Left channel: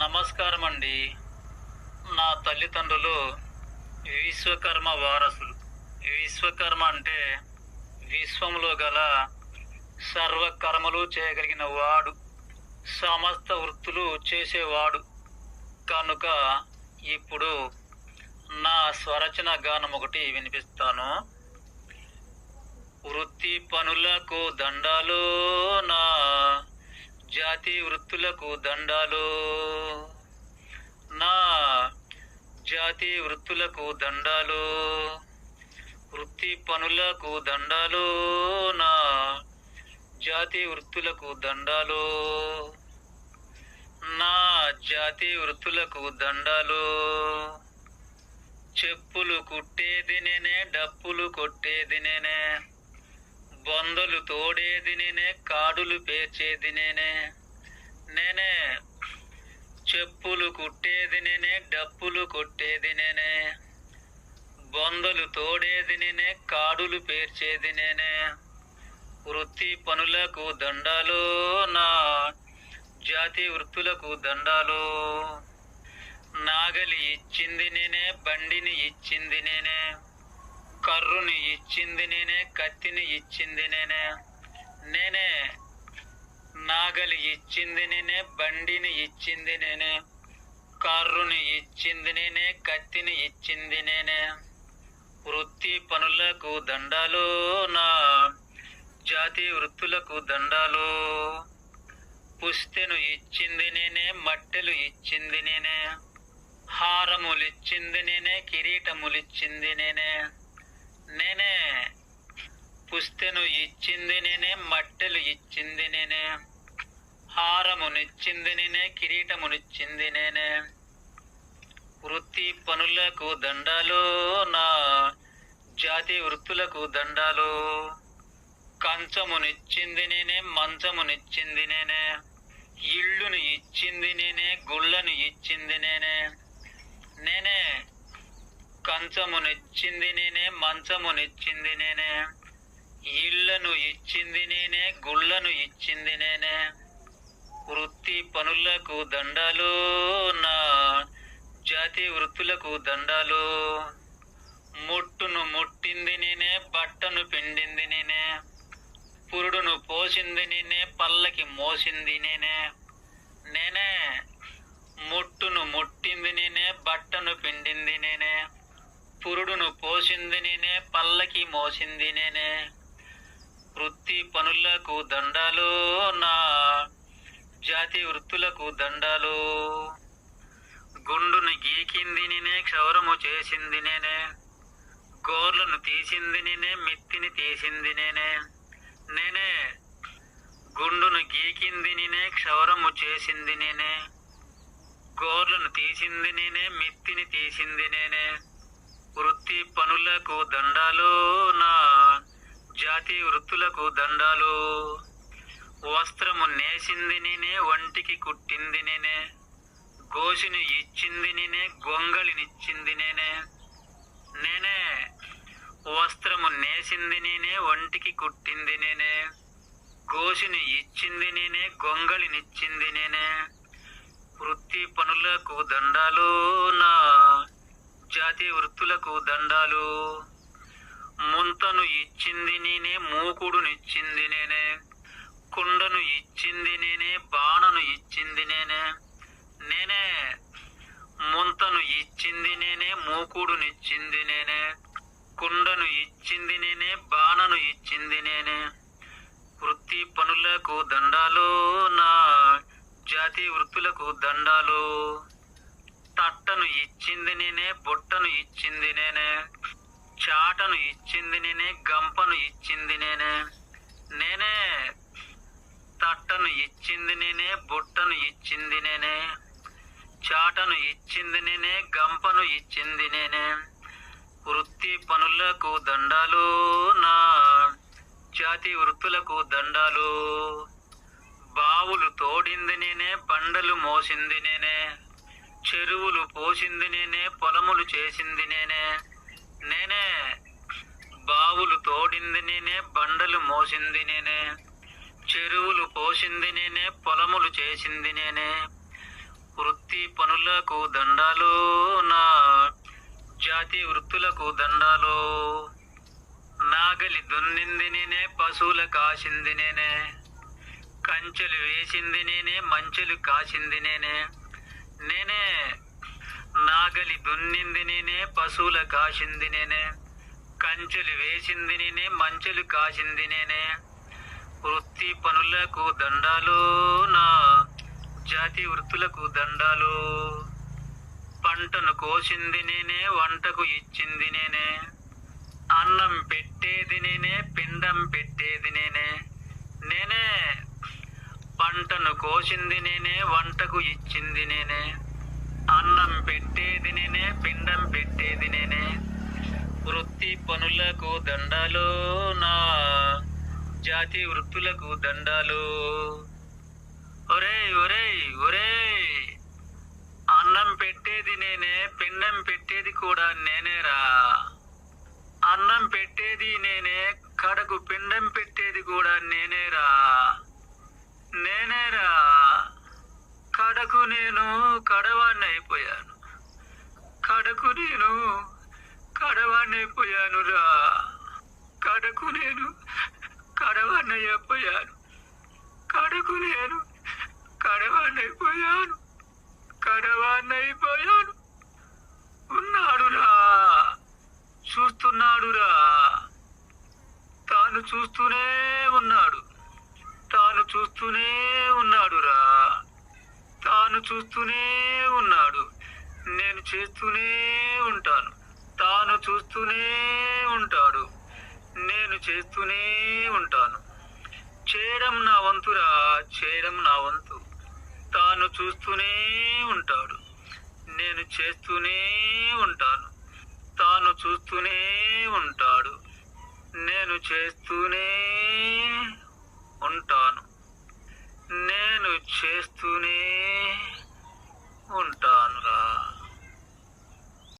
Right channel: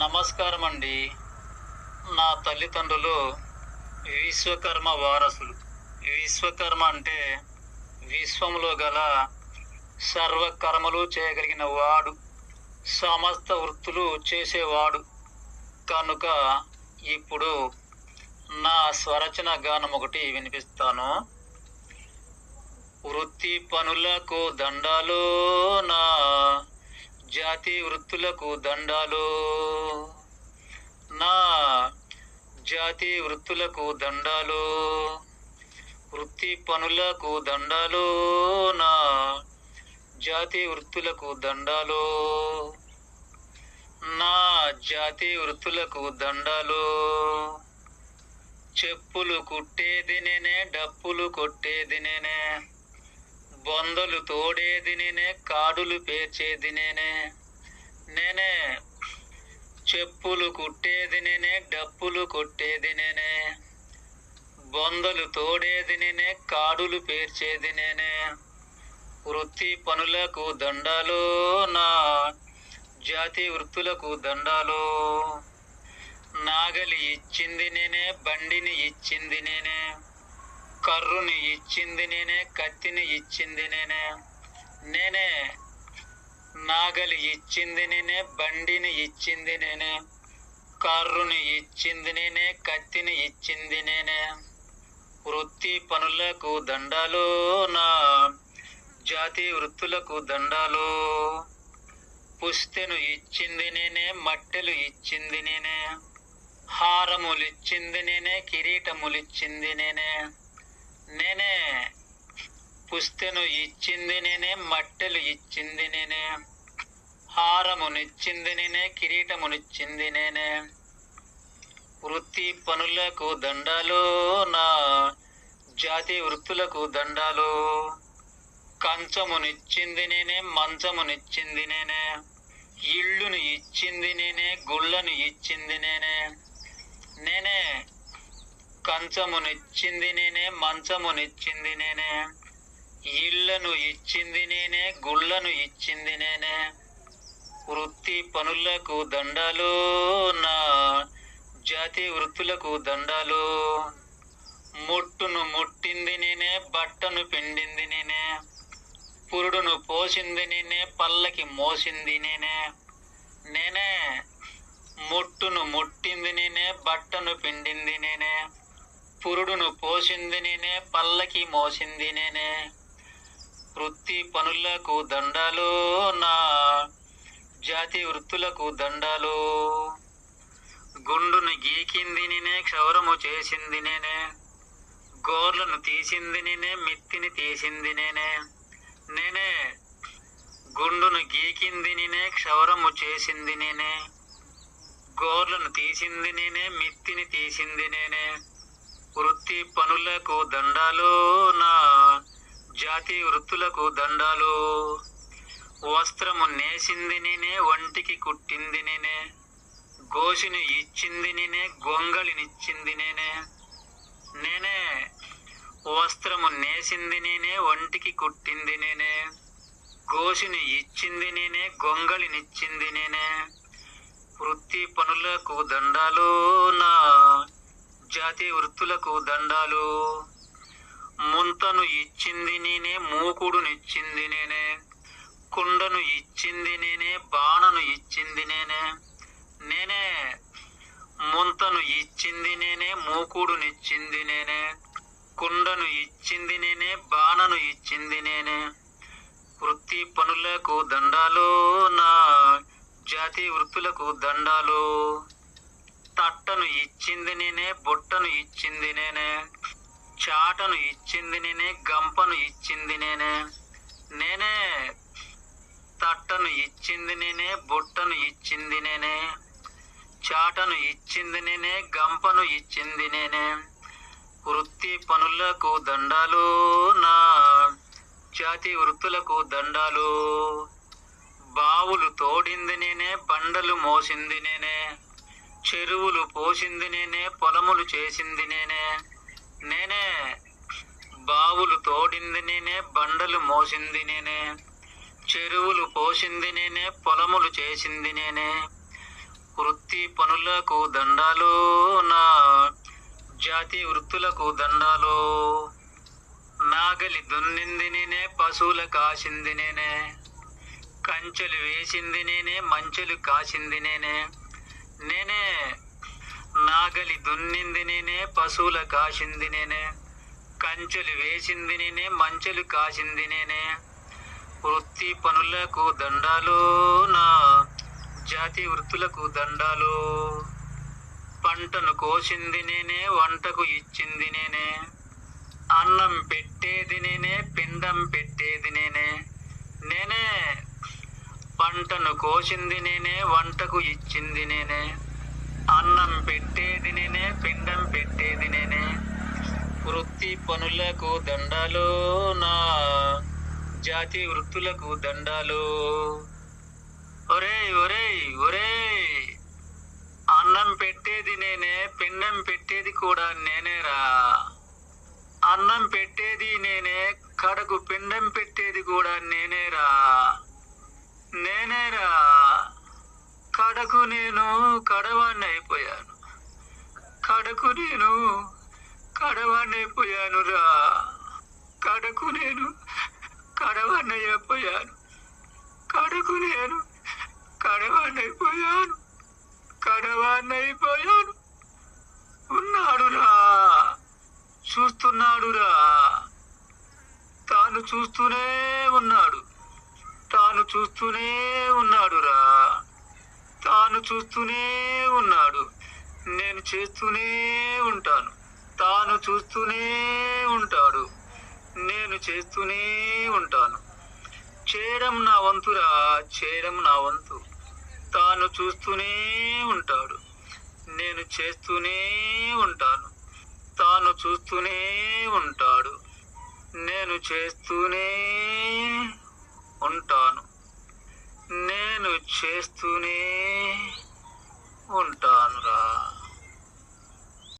నమస్కారం అండి. నా తల్లిదండ్రులు విశ్వకర్మ వారసులు. విశ్వకర్మ అంటే విశ్వంలో గల సర్వకర్మలు చేయగలిగిన వాడు, సమస్త వృత్తులు చేసేవాడు. కనుక ఇప్పుడు నా స్వరచన గానం ఒకటి వినిపిస్తాను. వృత్తి పనులకు దండాలు, నా జాతి వృత్తులకు దండాలు, నా జాతి వృత్తులకు దండాలు. వృత్తి పనులకు దండాలు, నా జాతి వృత్తులకు దండాలు, నా జాతి వృత్తులకు దండాలు. చెప్పులు కుట్టేది నేనే, డప్పులు కొట్టేది నేనే, బొందలు తోడేది నేనే, కాడులు పేర్చేది నేనే. నేనే చెప్పులు కుట్టేది నేనే, డప్పులు కొట్టేది నేనే, బొందలు తోడేది నేనే, కాడులు పేర్చేది నేనే. వృత్తి పనులకు దండాలు, నా జాతి వృత్తులకు దండాలు. నాగలి ఇచ్చింది నేనే, బండిని ఇచ్చింది నేనే, కర్రుని ఇచ్చింది నేనే, కత్తిని ఇచ్చింది నేనే. నేనే నాగలి ఇచ్చింది నేనే, బండిని ఇచ్చింది నేనే, కర్రుని ఇచ్చింది నేనే, కత్తిని ఇచ్చింది నేనే. వృత్తి పనులకు దండాలు, నా జాతి వృత్తులకు దండాలు. పుస్తెను ఇచ్చింది నేనే, మట్టెలు ఇచ్చింది నేనే, హారములిచ్చింది నేనే, కిరీటములిచ్చింది నేనే. నేనే పుస్తెను ఇచ్చింది నేనే, మట్టెలు ఇచ్చింది నేనే, హారమునిచ్చింది నేనే, కిరీటమునిచ్చింది నేనే. వృత్తి పనులకు దండాలు, నా జాతి వృత్తులకు దండాలు. కంచమునిచ్చింది నేనే, మంచమునిచ్చింది నేనే, ఇళ్ళును ఇచ్చింది నేనే, గుళ్ళను ఇచ్చింది నేనే. నేనే కంచమునిచ్చింది నేనే, మంచమునిచ్చింది నేనే, ఇళ్లను ఇచ్చింది నేనే, గుళ్ళను ఇచ్చింది నేనే. వృత్తి పనులకు దండాలు, నా జాతి వృత్తులకు దండాలు. ముట్టును ముట్టింది నేనే, బట్టను పిండింది నేనే, పురుడును పోసింది నేనే, పల్లకి మోసింది నేనే. నేనే ముట్టును ముట్టింది నేనే, బట్టను పిండింది నేనే, పురుడును పోసింది నేనే, పల్లకి మోసింది నేనే. వృత్తి పనులకు దండాలు, నా జాతి వృత్తులకు దండాలు. గుండును గీకింది నేనే, క్షౌరము చేసింది నేనే, గోర్లను తీసింది నేనే, మిత్తిని తీసింది నేనే. నేనే గుండును గీకింది నేనే, క్షౌరము చేసింది నేనే, గోర్లను తీసింది నేనే, మిత్తిని తీసింది నేనే. వృత్తి పనులకు దండాలు, నా జాతి వృత్తులకు దండాలు. వస్త్రము నేసింది నేనే, ఒంటికి కుట్టింది నేనే, గోసిని ఇచ్చింది నేనే, గొంగళినిచ్చింది నేనే. నేనే వస్త్రము నేసింది నేనే, ఒంటికి కుట్టింది నేనే, గోసిని ఇచ్చింది నేనే, గొంగళినిచ్చింది నేనే. వృత్తి పనులకు దండాలు, నా జాతి వృత్తులకు దండాలు. ముంతను ఇచ్చింది నేనే, మూకుడునిచ్చింది నేనే, కుండను ఇచ్చింది నేనే, బాణను ఇచ్చింది నేనే. నేనే ముంతను ఇచ్చింది నేనే, మూకుడునిచ్చింది నేనే, కుండను ఇచ్చింది నేనే, బాణను ఇచ్చింది నేనే. వృత్తి పనులకు దండాలు, నా జాతి వృత్తులకు దండాలు. తట్టను ఇచ్చింది నేనే, బుట్టను ఇచ్చింది నేనే, చాటను ఇచ్చింది నేనే, గంపను ఇచ్చింది నేనే. నేనే తట్టను ఇచ్చింది నేనే, బుట్టను ఇచ్చింది నేనే, చాటను ఇచ్చింది నేనే, గంపను ఇచ్చింది నేనే. వృత్తి పనులకు దండాలు, నా జాతి వృత్తులకు దండాలు. బావులు తోడింది నేనే, బండలు మోసింది నేనే, చెరువులు పోసింది నేనే, పొలములు చేసింది నేనే. నేనే బావులు తోడింది నేనే, బండలు మోసింది నేనే, చెరువులు పోసింది నేనే, పొలములు చేసింది నేనే. వృత్తి వృత్తి పనులకు దండాలు, నా జాతి వృత్తులకు దండాలు. నాగలి దున్నింది నేనే, పశువుల కాసింది నేనే, కంచెలు వేసింది నేనే, మంచెలు కాసింది నేనే. నేనే నాగలి దున్నింది నేనే, పశువుల కాసింది నేనే, కంచెలు వేసింది నేనే, మంచెలు కాసింది నేనే. వృత్తి పనులకు దండాలు, నా జాతి వృత్తులకు దండాలు. పంటను కోసింది నేనే, వంటకు ఇచ్చింది నేనే, అన్నం పెట్టేది నేనే, పిండం పెట్టేది నేనే. నేనే పంటను కోసింది నేనే, వంటకు ఇచ్చింది నేనే, అన్నం పెట్టేది నేనే, పిండం పెట్టేది నేనే. వృత్తి పనులకు దండాలు, నా జాతి వృత్తులకు దండాలు. ఒరేయ్ ఒరేయ్ ఒరేయ్, అన్నం పెట్టేది నేనే, పిండం పెట్టేది కూడా నేనేరా. అన్నం పెట్టేది నేనే, కడకు పిండం పెట్టేది కూడా నేనేరా. నేనేరా కడకు నేను కడవాణ్ణి అయిపోయాను. కడకు నేను కడవాణ్ణి అయిపోయానురా. కడకు నేను కడవాణ్ణి అయిపోయాను. కడకు నేను కడవాణ్ణి అయిపోయాను. కడవాణ్ణి అయిపోయాను. ఉన్నాడురా, చూస్తున్నాడురా. తాను చూస్తూనే ఉన్నాడు. తాను చూస్తూనే ఉన్నాడురా. తాను చూస్తూనే ఉన్నాడు. నేను చేస్తూనే ఉంటాను. తాను చూస్తూనే ఉంటాడు. నేను చేస్తూనే ఉంటాను. చేయడం నా వంతురా, చేయడం నా వంతు. తాను చూస్తూనే ఉంటాడు. నేను చేస్తూనే ఉంటాను. తాను చూస్తూనే ఉంటాడు. నేను చేస్తూనే ఉంటాను. నేను చేస్తూనే ఉంటానురా.